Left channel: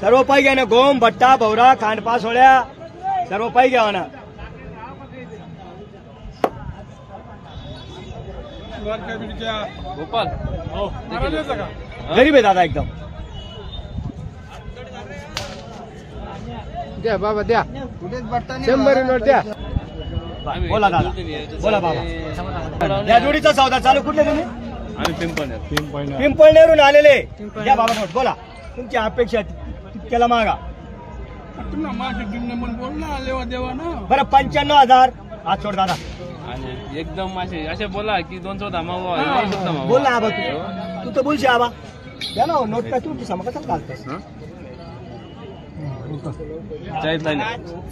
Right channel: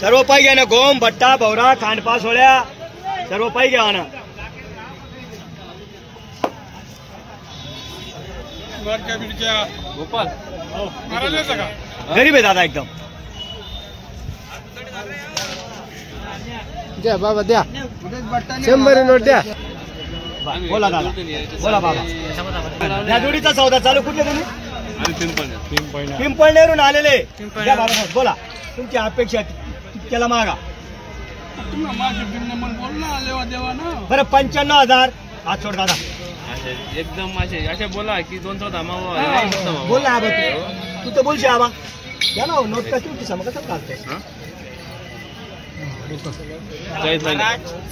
सर्व पाई घ्या ना, गोम भट्टा भवरा खांडपा सोळ्या सर्व पाई घ्या ना. गोपाल गरीब आहे दादा एकदम. द्या बाबा द्या, 100 नोट द्या. बोला दादा, बोला बाबा. या जोडीचा सौदा चालू कुठले तुम्ही? पिंपळनेरून आलेले. या बाबा बोला, तुमची अपेक्षा तितक्याला मागा. बरं 95,000 आज सोड दादा. एकदम असे बोला की 200 बोल ना आबा, तू तर बोलशी आबा. या ना नोट का तुमची सम कसं चालतंय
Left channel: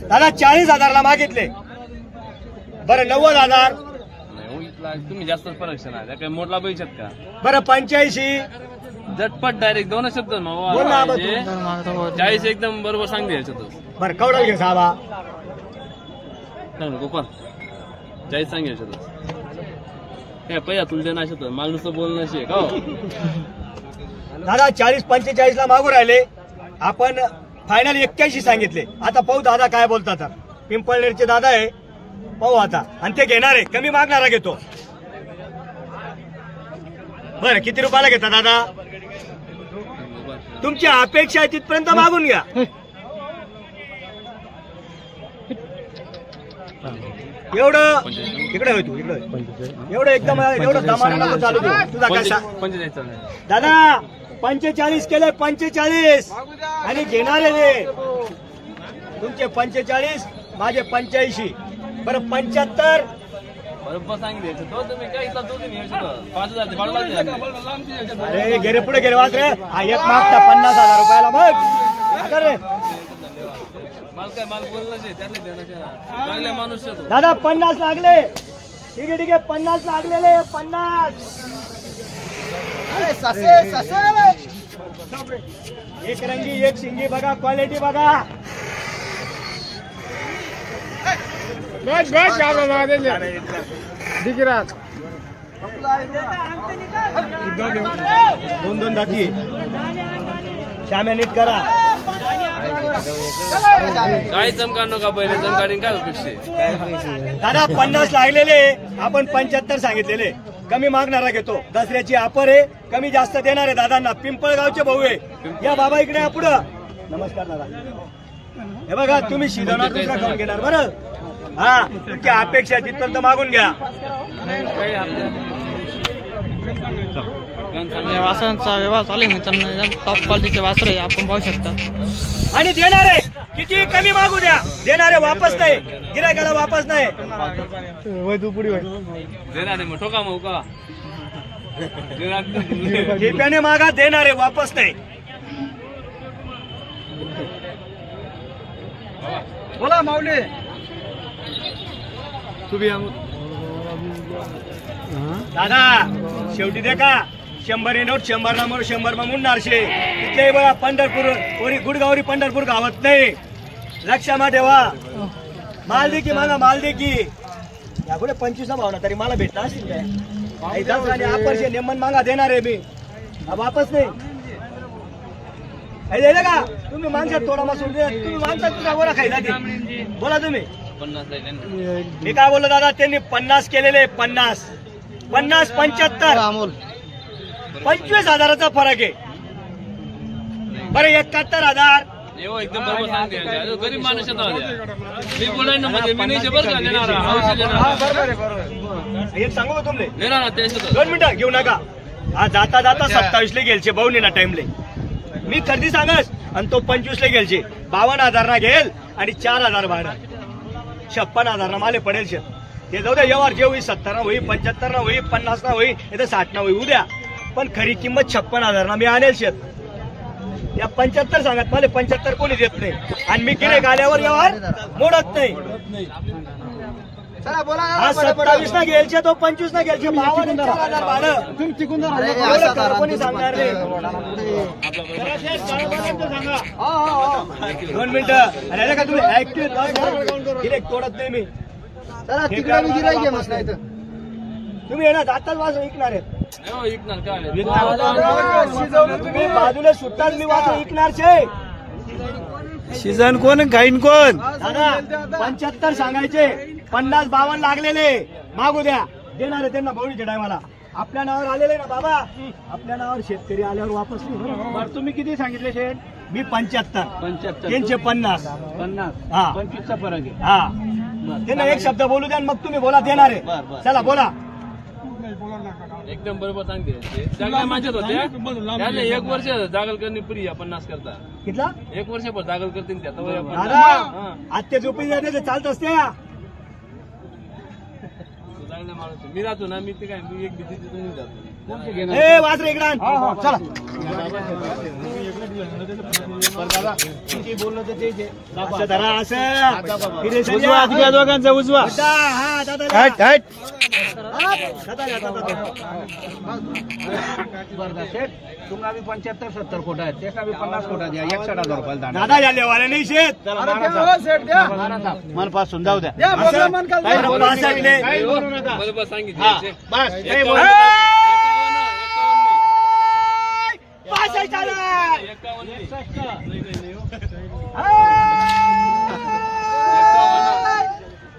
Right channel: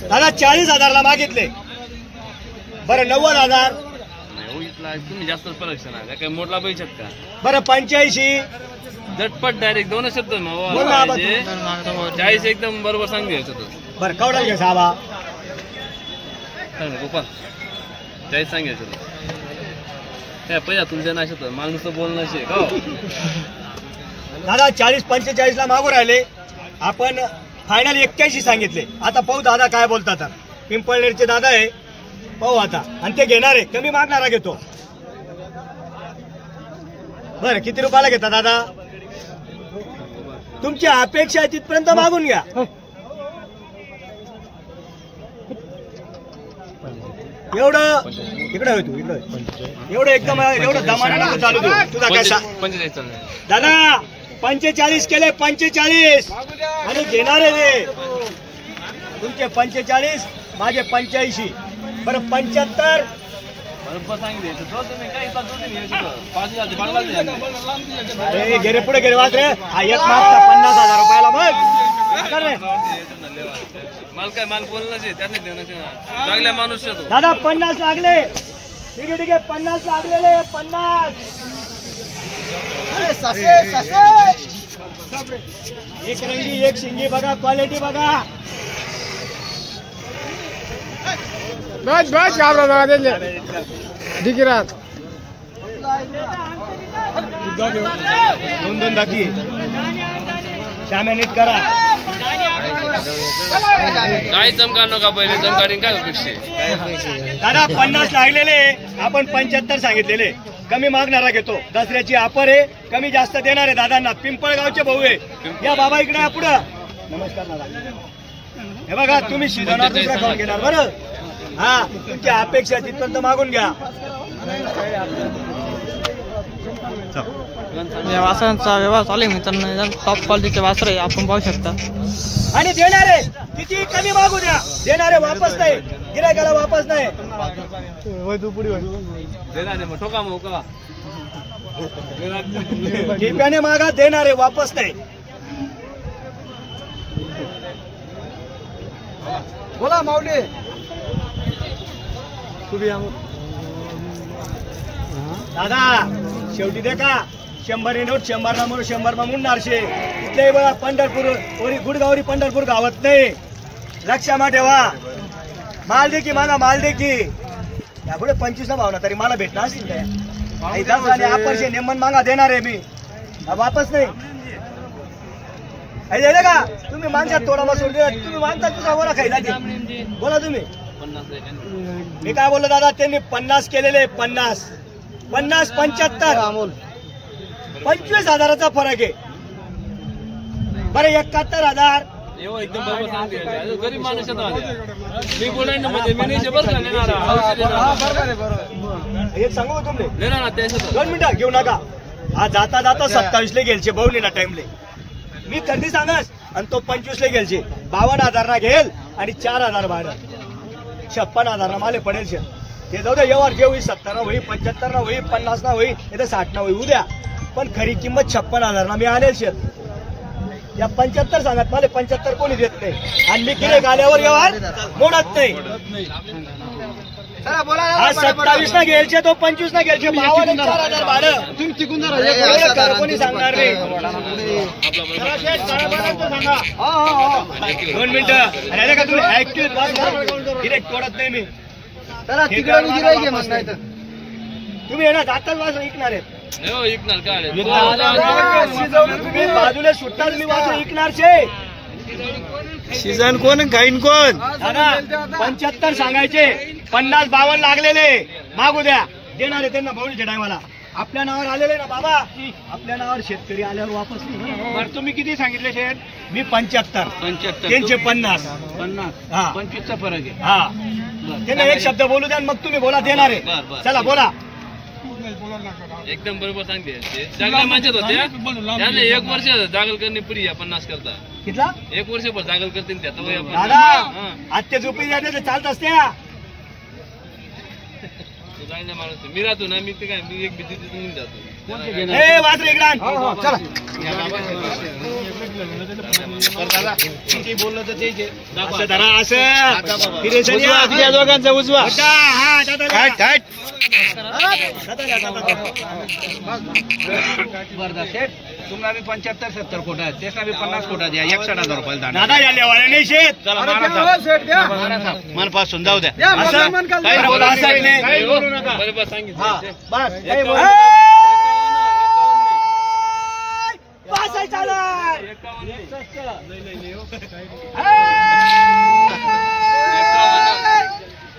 दादा. 40,000 मागितले. बरं 90,000. तुम्ही जास्त फरक काही मोठला पाहिजे शकता. बरं 85. झटपट डायरेक्ट 2 शब्द बोल ना आबा. 40 एकदम बरोबर सांगितलं. बरं कवडा घे साबा. गोपाल 40 सांगायचं पहिला तुमच्या नाशात माल नुसतं बोलणं शे हो दादा. 40-45 ला मागू राहिले आपण. फायनल 81 सांगितले. आता पाहू दादा काय बोलतात. पिंपळनेरचे दादा आहे, पाहू आता. आणि ते घेणार आहे, कमी मागणारा घेतो. बरं किती रुपयाला घेता दादा? तुमची अपेक्षा आहे तिथपर्यंत मागून घ्या. एवढं इकडे होय, तू इकडे एवढं एकदम एवढं दमाने नको चालू तू. तुझा काय दादा? 45 केले. 45 आणि घेणारे रे तुमचे 45, माझे 85. बरं 75. अरे गेले पुढे गेले वाच रे. हा एक मागता 50,000 रुपयाला मग माल काय माल बोलणं चांगल्या माणूस दादा. 50 लागले. ठीक आहे ठीक आहे, 50 लागलेले. 50. एक रंगी एक शिंगी बघा, क्वालिटी बघा. बस बस दिगरात 2-2 दाखी. श्याम्या नीट करा. काय चमका नका पहिले चमकाडीन काय अपेक्षा दादा. 50 लागलेले, आपण 75 सांगितलेले. कमी मागणारा घेतो. दसऱ्याची ऑफर आहे, कमी जास्त देणार आहे दादांना. पिंपळगावचे भाऊ आहे. या बाबा इकडे या पुढं. नमस्कार दादा. हे बघा तुम्ही शिजवणार, दुसरा खाऊन घेणार. बरं हा, तुमची अपेक्षा तिथपर्यंत मागून घ्या. या वासरांचा व्यवहार चालू आहे मित्रांनो. टॉप क्वालिटीचे वासर आहे, आपण पाहू शकता. आणि देणारे किती कमी मागू द्या, देणारे वापस नाही. गिरायकाला वापस नाही. ठोका मग का टिप्याने मागा, देणारे वापस नाही. बोला माऊली. दादा शेवटी दे का 100 नोट. 100 ना म्हणून 100 मा म्हणणार शे. इथे बघा पंढरपूर गुडगावरी पंढरपूर गावात नाही. लक्षात ठेवा. माल दे की मागा, माल दे की. या पुढे 25 ना भावना तरी मला भेटणार असतील आपण नेमन मागा, देणार आहे मी. वापस नाही दिलं का तुम्ही. माणसात थोडा मसूर दे. तुम्ही माणसात तुझा वरा खायला दे. बोला तुम्ही. मी काय बोललो दादा? त्यांनी 50 केलेले. 50 50 75 25,000चा फरक आहे. बरं 71,000. एकदम बरोबर सांगते. गरीब माणूस एक सांगू का तुमले? 2 मिनिटं घेऊ नका. हा जाता जाता 27 ला गेलचे भाऊनी ना टाइमले. मी कधी सांगस. आणि तो 25 ला गेलचे. 52,000 ना घेल आणि 4,000 भाडं. 56,000 ना माले पडेल शेत. ते जाऊ द्या. व्यवहार जे होई 70 ना होई, 75 ना होई, 50 ना होई, नाही तर 60 ना होई उद्या. पण खरी किंमत 56,000 ना मी आणेल शेत. या 75 सांगत मला 75 कोणी देत नाही. आणि मी गिरेक आल्यावर व्यवहार मोडत नाही. हा 27 ना घ्यायचे, तो 25 ना घ्यायचे. 4,000 भाडं. कोणी सांगणार नाही. 2 मिनिटं. आणि का तुम्ही ऍक्टिव्ह गिरेक तोडत नाही मी. तुम्ही येणार जाताच वासर ऐकणार आहेत. विकणार काय तुम्ही बाजूला सुट्टाच मी वासर ऐकणार शे. सीझन कोण गाईन कोण दादा 75 सांगायचे 50-52 लागलेले मागू द्या देणार आहे त्यांना बवणीच्या टायमाला आपल्या नावावर आलेले ना बाबा आपल्या नावावर शेतकरी आल्यावर वापस नाही बरं तुम्ही किती सांगितले शेठ मी 75 त्यांचे 50 हा 25चा फरक आहे हा त्यांना एक शब्द बोलू द्या मग तुम्ही बोला देणार आहे चला बोला एकदम बरोबर सांगते जागल्या माझ्यात होत्या त्याने 1 वर्ष जागल करणे पुरी 50 करता कितला 1 वर्षभर जागल करते त्यात दादा आत्या झोपी द्यायचे चालत असत्या मी राहतो ना मी ते काय मी एक भीती तिथून जातो ए वासरे इकडे आण. चला असं धरा असं फिरेशन या दोघांचा उजवा हा दादा बरं सेठ तुम्हाला बी 75-70 कोटा आहेत त्याचा बी 50 कोटा द्या 61,000 रुपयाला दादा या लेवाला नाही शेत चला मनपासून जाऊ द्या असं बरोबर सांगितलं बस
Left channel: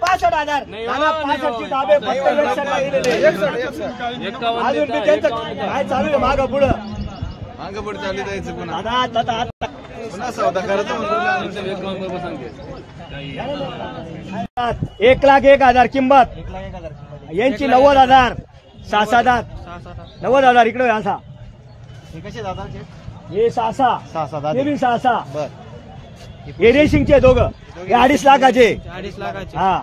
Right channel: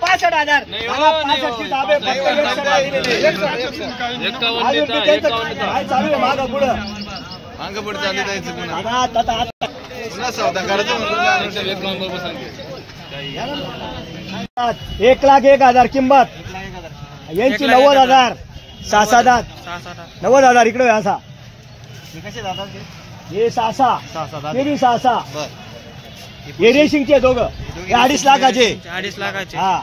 $65,000 65 धाबे फक्त 61 दिलेले काय चालू आहे मागं पुढं दादा आता 1,01,000 किंमत यांची 90,000 6-7 90,000 इकडे असा हे 6 हे बी 6 हे रेसिंगचे दोघं हे 2.5 लाखाचे 2.5 लाखाचे हा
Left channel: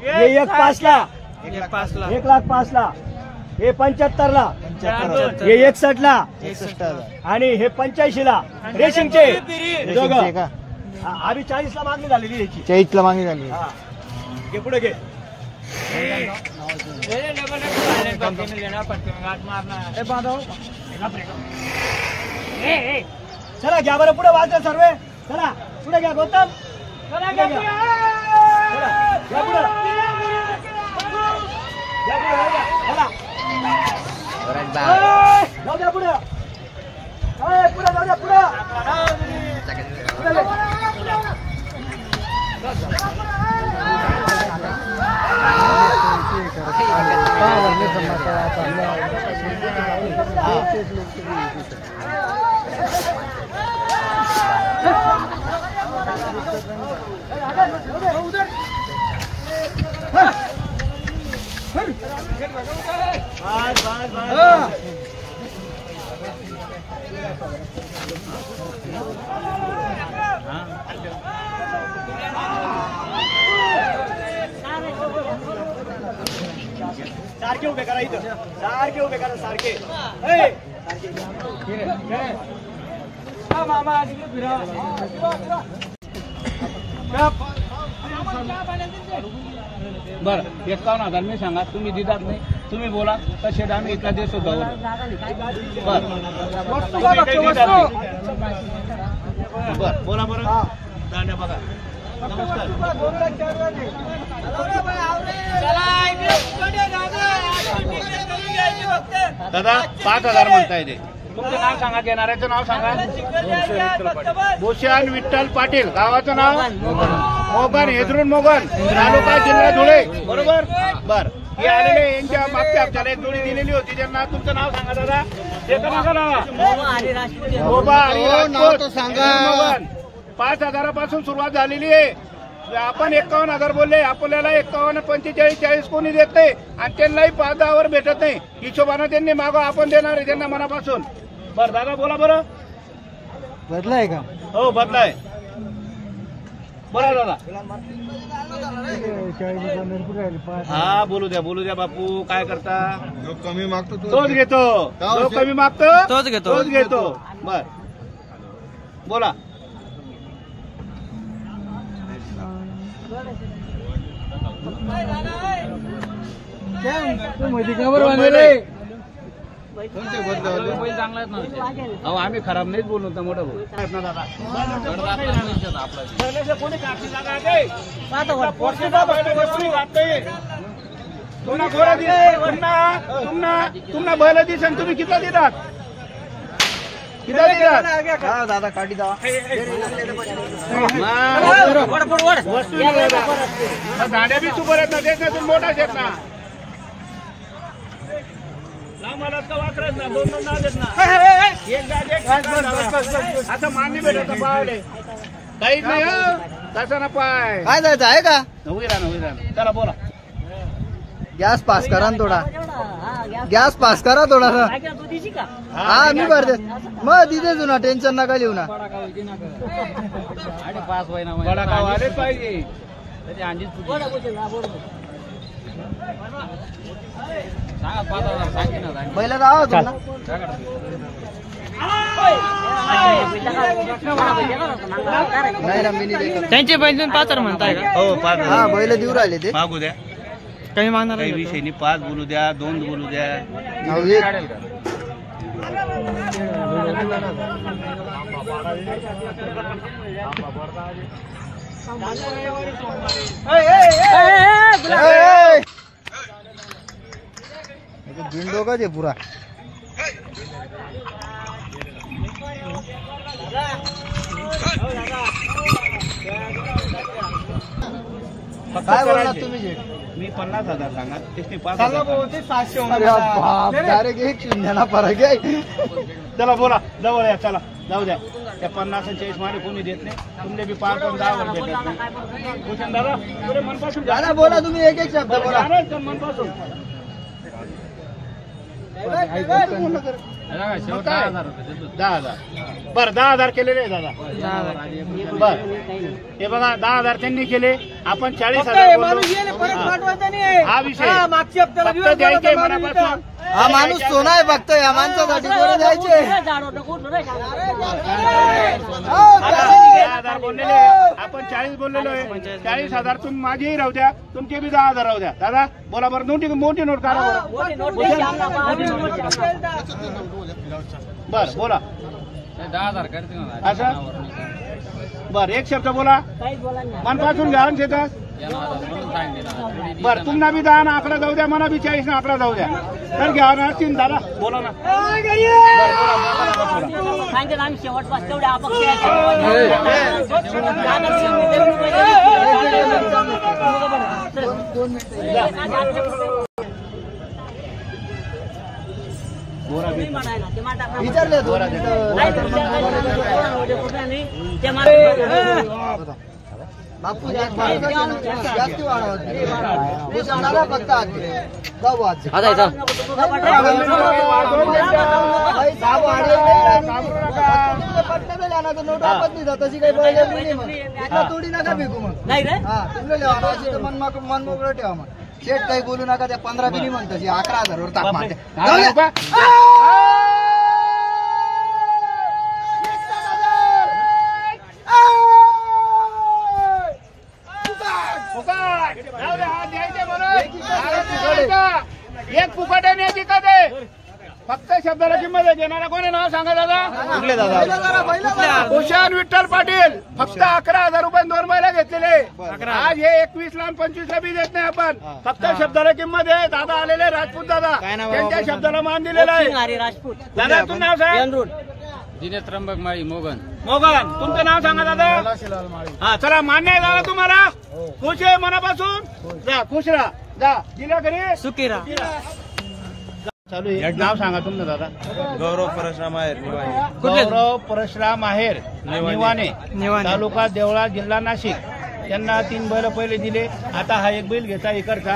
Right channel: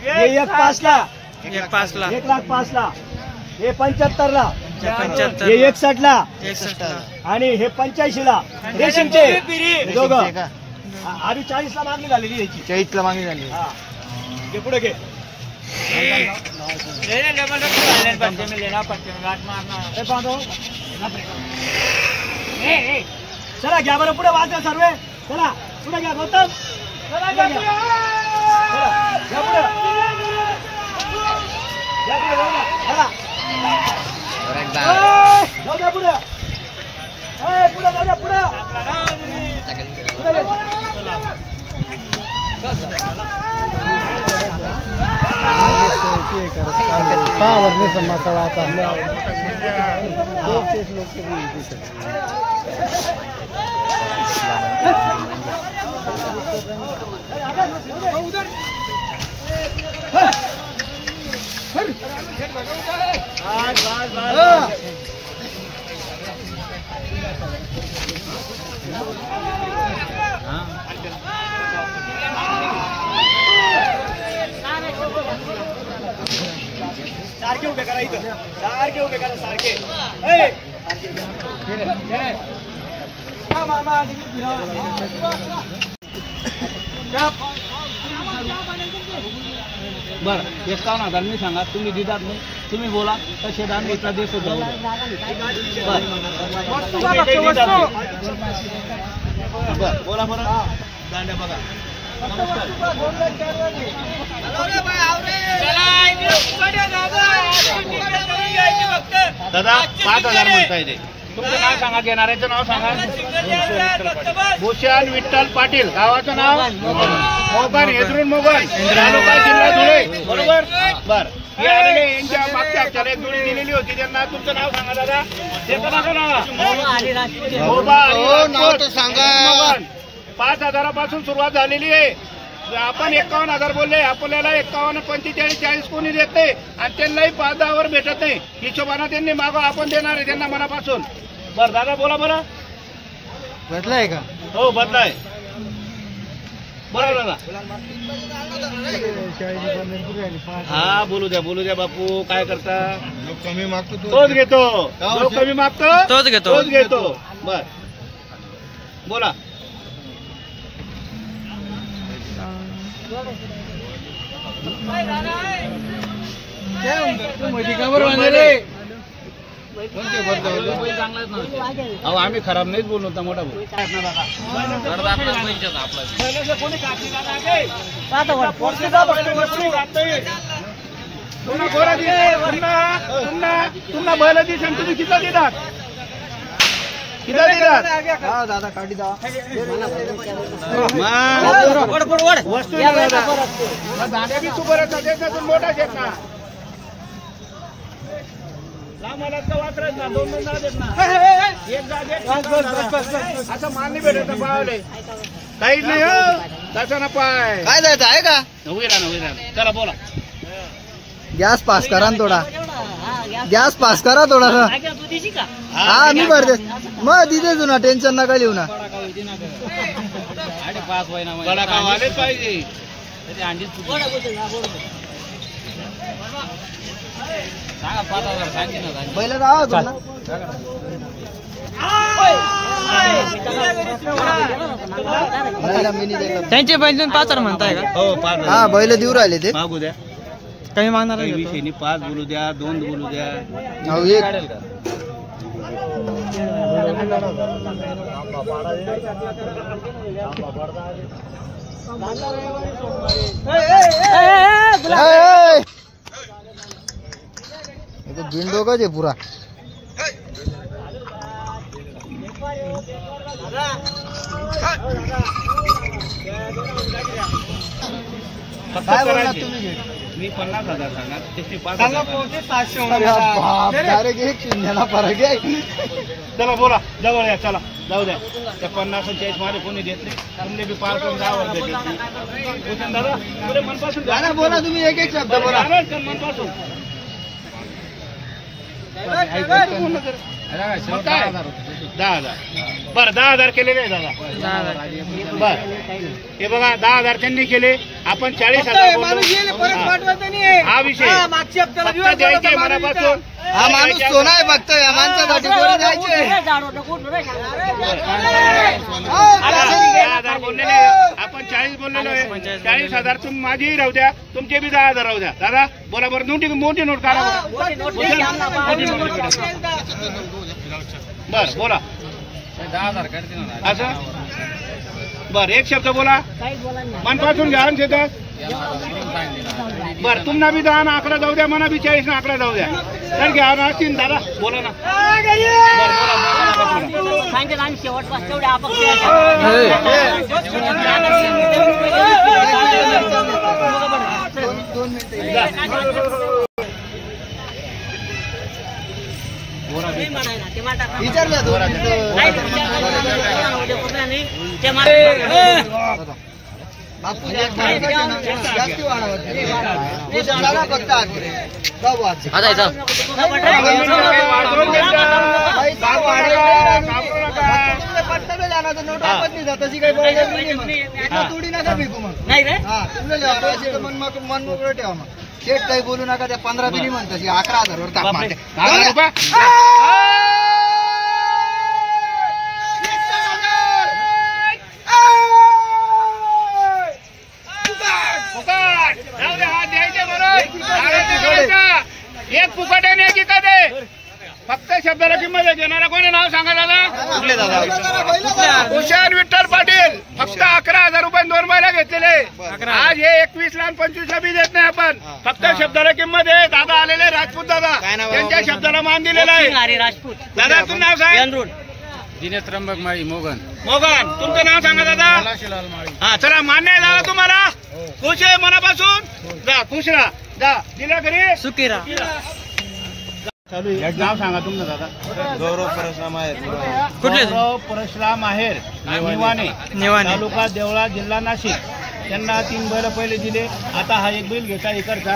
हे 1,05,000 ला 1,05,000 हे 75 ला हे 61 ला आणि हे 85 ला रेसिंगचे दोघं आधी 40 ला मागणी झालेली याची 40 ला मागणी झाली हा घे पुढे घे चला घ्या बरं पुढे वाजता सर्व चला पुढे घ्या गौतम चला घ्या पुढे जाऊ द्या पुढे पुढे जाऊ द्या पुढे सारखे उभे करा इथं सारखे उभे करा सारखे बरं 51,000 मी सांगा तुम्ही दिदात नाही तुम्ही बोला कसे दान इतका देश होतो बोला बरं बघा दादा 5,000 म्हणताय ते तुमचं नाव सांगा घेणाऱ्याचं नाव सांगा भूषण विठ्ठल पाटील गावाचं नाव मोगन हेदरून मोगन तालुका जिल्हा धुळे बरोबर बर हे आलेले यांच्या मागच्या हप्त्याला एक जोडी दिलेली होती त्यांना तुमचं नाव सांगा दादा त्याचं नाव मोगन 5,000 पासून सुरुवात झालेली आहे आपण 51,000 बोलले आपल्याला 51, 45, 40 कोणी देत नाही आणि त्यांनाही 5-10 भेटत नाही हिशोबाने त्यांनी मागं आपण देणार आहे त्यांना मनापासून बरं दादा बोला बरं बदलाय का हो बदलाय बरं दादा हा बोलू द्या बापू काय करता जो कमी मागतो तोच घेतो जो कमी मागतो तोच घेतो बर बोला अहो आम्ही खराब नाही बोललो होता मोठा भाऊ तुम्हाला बैल दिसन तुम्ही किती देतात दादा काढी दा दांड्या बी सुपर आहेत ना त्याच्यातून मोठा शेत ना मला वाकरत ना दोन नाव देत ना असं मान नाही भेटत पावले काहीच नाही हो तसं ना पाय काय द्यायचं आहे का उभी राहा चला बोला गॅस पास करा ना थोडा गॅस पास करा थोडासा हा मी भरते मग तिथेच ना टेन्शन नका लिहू ना आलेच पाहिजे पहिलं जावा तुला नाही ना मी नाही देणार. त्यांचे बैल तुम्ही 5 म्हणताय का? हो 5 हा बैल देऊ राहिले ते मागू द्या काही मागणार काही नाही विषयी 5 बोलू द्या 2 बोलू द्या अहो, एक गिंडो का जे पुरा काय बोलला तुम्ही मी 50,000 सांगा त्याची 5 डायरेक्ट एक शून्याला फरक आहे चला बोला जवळ या चला जाऊ द्या त्या 50 आणि 40 मध्ये कोणी देत नाही तुमले बी 5 आणि 10 वर देत दादा पुरे मनपासून द्या दादा बोला तुम्ही एक एक शब्द बोला मनपासून मग काय 10,000 बरं 10,000 केलेले आहे दादा बर हे बघा 10,000 त्यांनी केले आपण 40,000 बोललो हा विषय फक्त द्यायचे मनापासून हा माणूस सोना आहे फक्त या माणसासाठी कोणी द्यायचे 10,000 बोललेले आपण 40 बोललेलो आहे 40,000 तुम्ही माझेही राहू द्या तुमचे बी 10,000 राहू द्या दादा बोला बरं मोठी नोट काढा बरं मोठी नोट बर बोला 10,000 असं बर एक शब्द बोला मनपासून घ्या शेतात बर तुम्हाला बी 10 ना आकडा जाऊ द्या मना बी 40 ना आकडा जाऊ द्या तर घ्या ना असतील दादा बोला ना विचारले बापू जास्ती वाढवा फक्त नोट आपण नाही तशी काही थोडी नका विकू मग हा तुमच्या मन मोकळं ठेवा मग शेट काही बोलू नका त्या 15 बी नाही म्हणत 11,000 वर ताप मारते एक फुकट आहे की कधी फक्त शब्दाला किंमत देणारा कोणी नाव सांगा दादा हुशार विठ्ठल पाटील फक्त 11,000 रुपये 2 बैला घेतलेले आज हे 21 ला 25 ला बी देत नाही आपण फक्त शब्दाला किंमत आहे दादा आलेले राजपूत दादा त्यांच्या शब्दाला मान दिलेला आहे राजपूत दादा तुमचं नाव सांगा दिनेश त्र्यंबक माळी मोगन तुमचं नाव सांगा दादा हा चला मान्य आहे दादा तुम्हाला खुश आहे मनापासून जा खुश राहा जा दिला घरी सुकिरा चालू आहे नाव सांगा तुमचं दादा गौरव परशुराम आहेर कुठले गौरव परशुराम आहेर निवाणे तालुका देवळा जिल्हा नाशिक त्यांना 3 बैल पहिले दिले आता हा एक बैल घेता इकडचा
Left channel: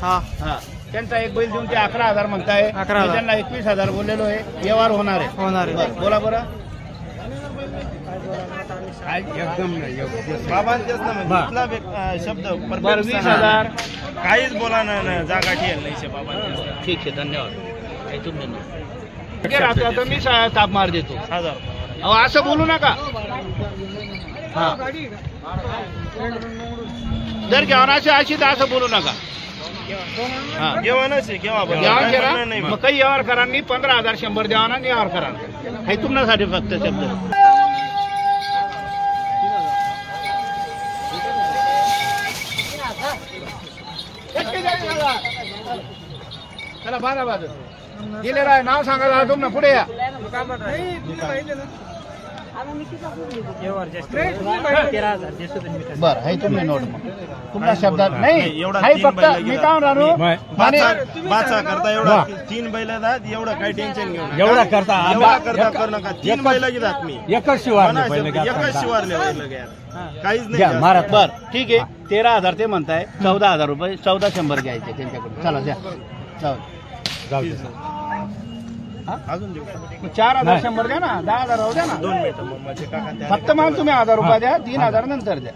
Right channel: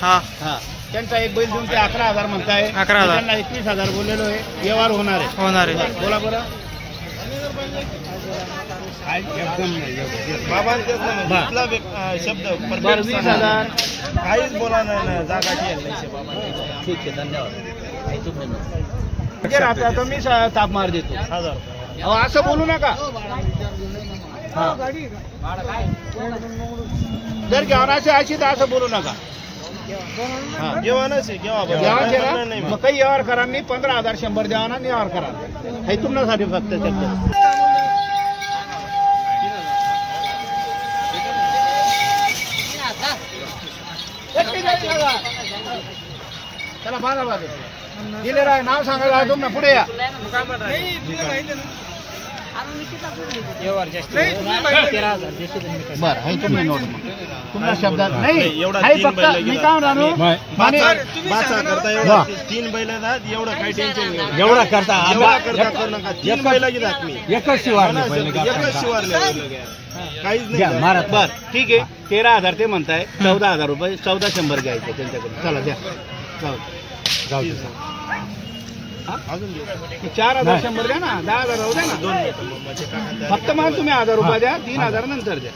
हा हा त्यांचा एक बैल तुमचे 11,000 म्हणताय 11,000 त्यांना 21,000 बोललेलो आहे व्यवहार होणार आहे बोला बरं एकदम नाही बाबांचेच ना म्हणजे शब्द परफेक्ट 20,000 काहीच बोला ना जागा ठेल नाही बाबांची ठीक आहे धन्यवाद मी ताप मार देतो 1,000 अहो असं बोलू नका हा जर जेवणाची अशी तर असं बोलू नका जेवणच आहे केव्हा नाही मग काही व्यवहार करा 15,000 100 देवाना व्यवहार करा हे तुमच्यासाठी फक्त शब्द चला 12 दिलेलं आहे. नाव सांगायला तुम्ही ना पुढे या. बरं हे तुम्ही नोट मग तुमच्या शब्दात नाही एवढा हाय तीन फक्त बैल मी घेतात. काय म्हणतो बाचा करता एवढा 3 बैल आहेत, एवढं काही टेन्शन घेऊ नका. एवढा करता एवढा करता करू नका. 3 बैल घेतात मी एकच शिवारले म्हणा, पहिले एकच शिवारले बैल घ्या. काहीच घ्या, नाही. मारा. बर ठीक आहे 13,000 ते म्हणताय 14,000 रुपये 1400 घ्यायचे त्यांच्याकडे. चला द्या जाऊ दे. अजून देऊ. 4,100 द्या ना 10,000 राहू द्या ना. 2 मिनिटं मग माझे काका फक्त मला तुम्ही 1,000 रुपये द्या 3,000 नंतर द्या.